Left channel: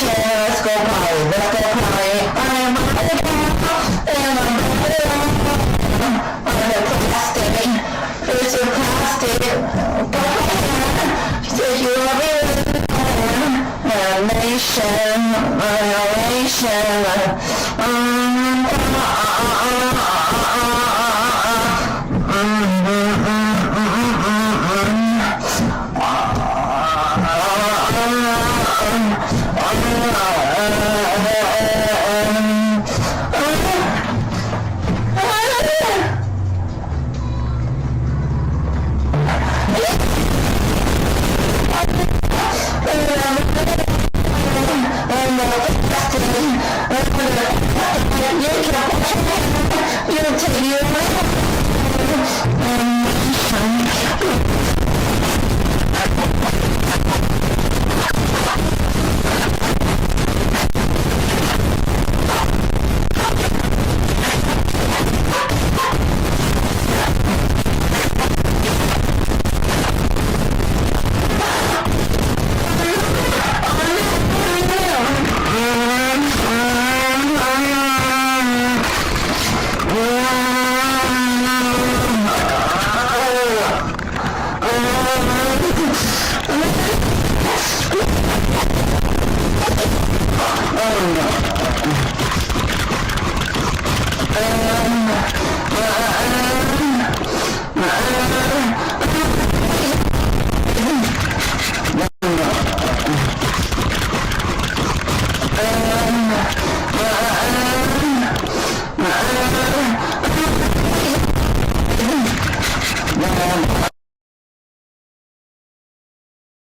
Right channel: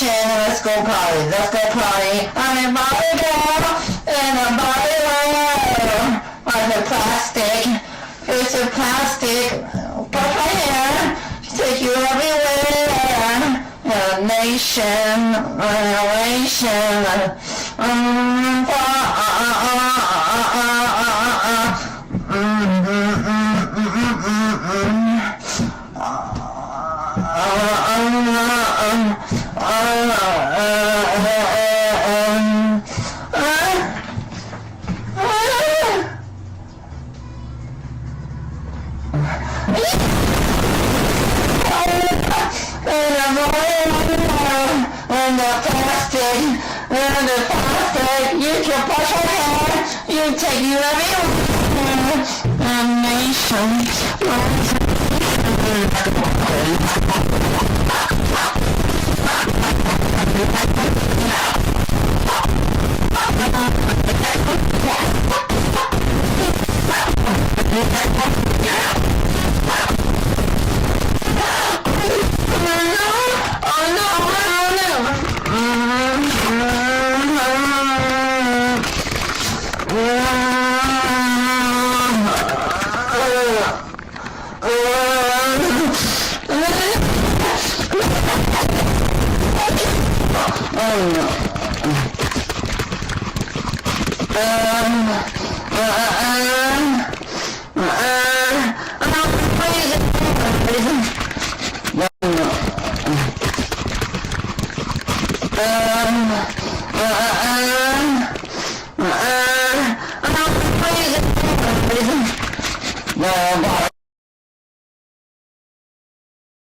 nation. Let's go party. Let's go party. I'm a body girl in a body world. I'm a plastic. It's a plastic. Put my hand. Take you everywhere. A nation. A nation. And the plastic, you can put your hand, you take you everywhere. A nation. Oh no.